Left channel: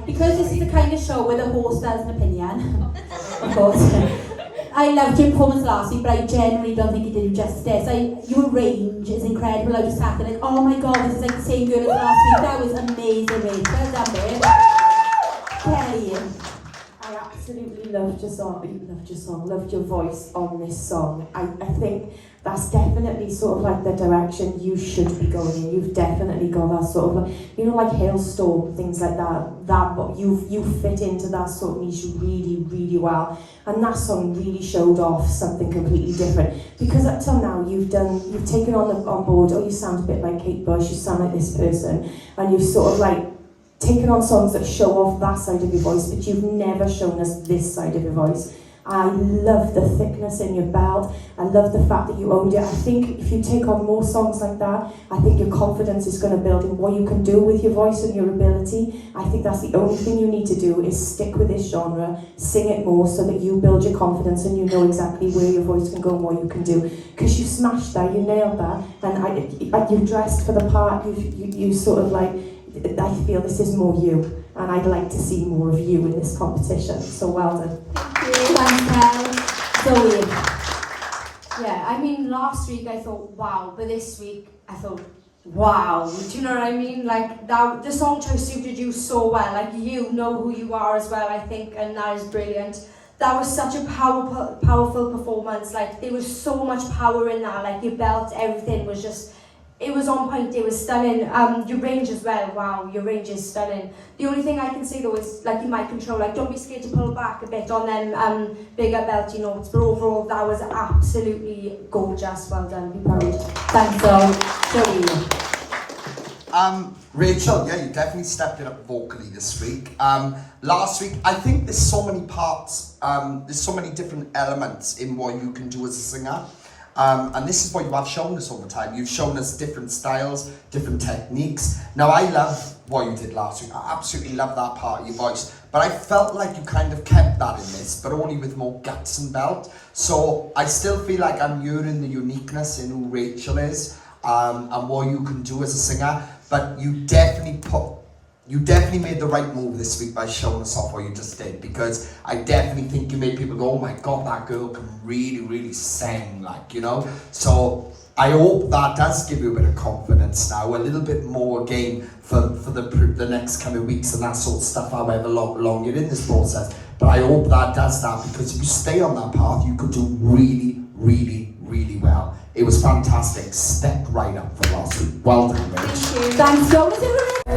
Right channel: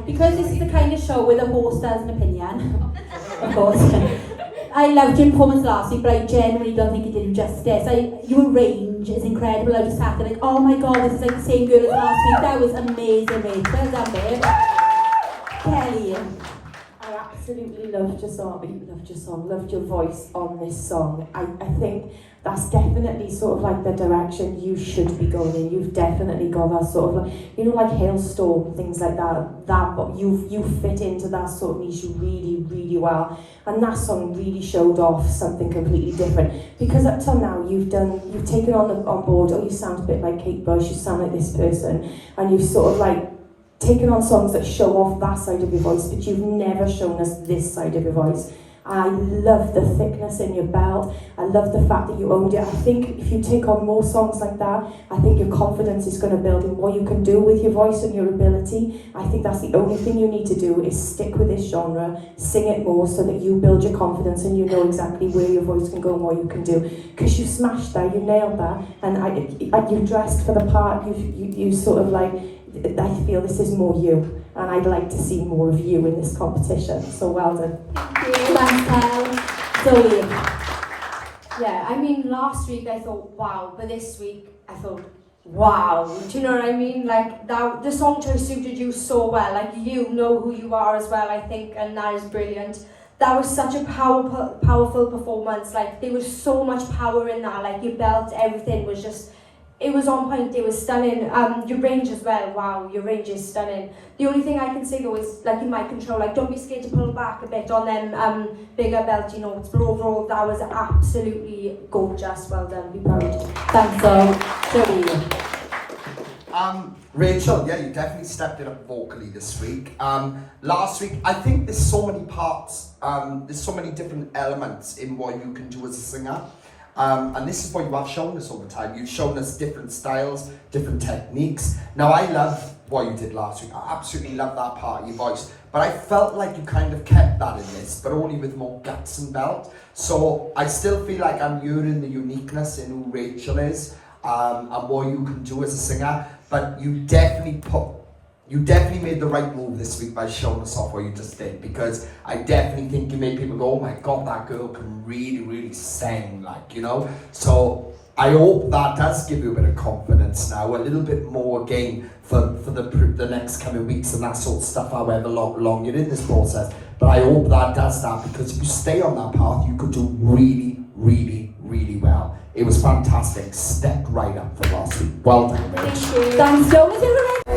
like, because this is the kind of show where the host has an opinion, of course. I loved your performance last week, but I genuinely don't think it did you justice. Your range is incredible. I just sat there like, oh my god, this is like the same girl as last week. That was amazing, mate. Well done, babe. Kelly. I absolutely loved your song, loved your voice on this song. I think that's definitely sort of like the direction you should be going in. You've definitely got that sort of like, you know, like Hailstorm, things like that, but you fit into that sort of niche really, really well. And that song really showed off something completely different. Because up till now you've taken on board, oh, you sound a bit like Kate Bush, you sound like this person, and you've sort of like taken on songs that show off that side of your voice, but you've never shown us this side of your voice. I love the thickness in your belt. I love the fact that you owned it. I think if you take on more songs like that, I think your confidence is going to build in what you can do with your voice and your ability. I think that's the only thing you need to do is stick with this genre, sing it more so that you build your confidence and you know exactly where your voice can go and what you can do. Because you smashed that, you nailed that, and you dressed for the part. You sort of like, I feel this is more you, and I'd like to see more of you in this competition. So well done. Thanks, Zoe. Yeah, I mean, last week I thought, wow, but this week I thought, wow. Do you know what I mean? Like, that, the song choice suited you so well. Like, you know who you are as well, I think, and that is brilliant. That was such a powerful performance. Like, there was so much power in that. Like, your belt, everything was just, it was on point, it was stunning. Your range as well, wow, your range is stunning. The only thing I can say though is, like, in my control, like, don't be scared to pull back a bit on them bigger belty notes, but overall that was absolutely gorgeous. Well done, be proud. Thanks, Zoe. Rachel, yeah, you definitely stepped it up vocally this week. Last week, I think there's so many parts, there's so many different elements in what you can do as a singer. And this is what you have shown us over time. You've shown us different styles, different techniques. Now, I love what you did last week. I absolutely love that part of your voice. But I felt like you kind of kept that in this, but only with more guts and belt. So I still feel like I'm hearing the uniqueness in who Rachel is, and what you can do as a singer. But you definitely made the right move this week by showing us off what you just did, because I definitely think you made people go, oh my god, that girl can really, really sing, like, you know. So I hope that does give you a bit of confidence now, a little bit more again for the next coming weeks and that sort of stuff, however long you're in this process. But I hope that does that, because if you stay on that path, you could do really, really, really well. It was fantastic. Stepped right up for last week. Well done, Rich. Thanks, Zoe.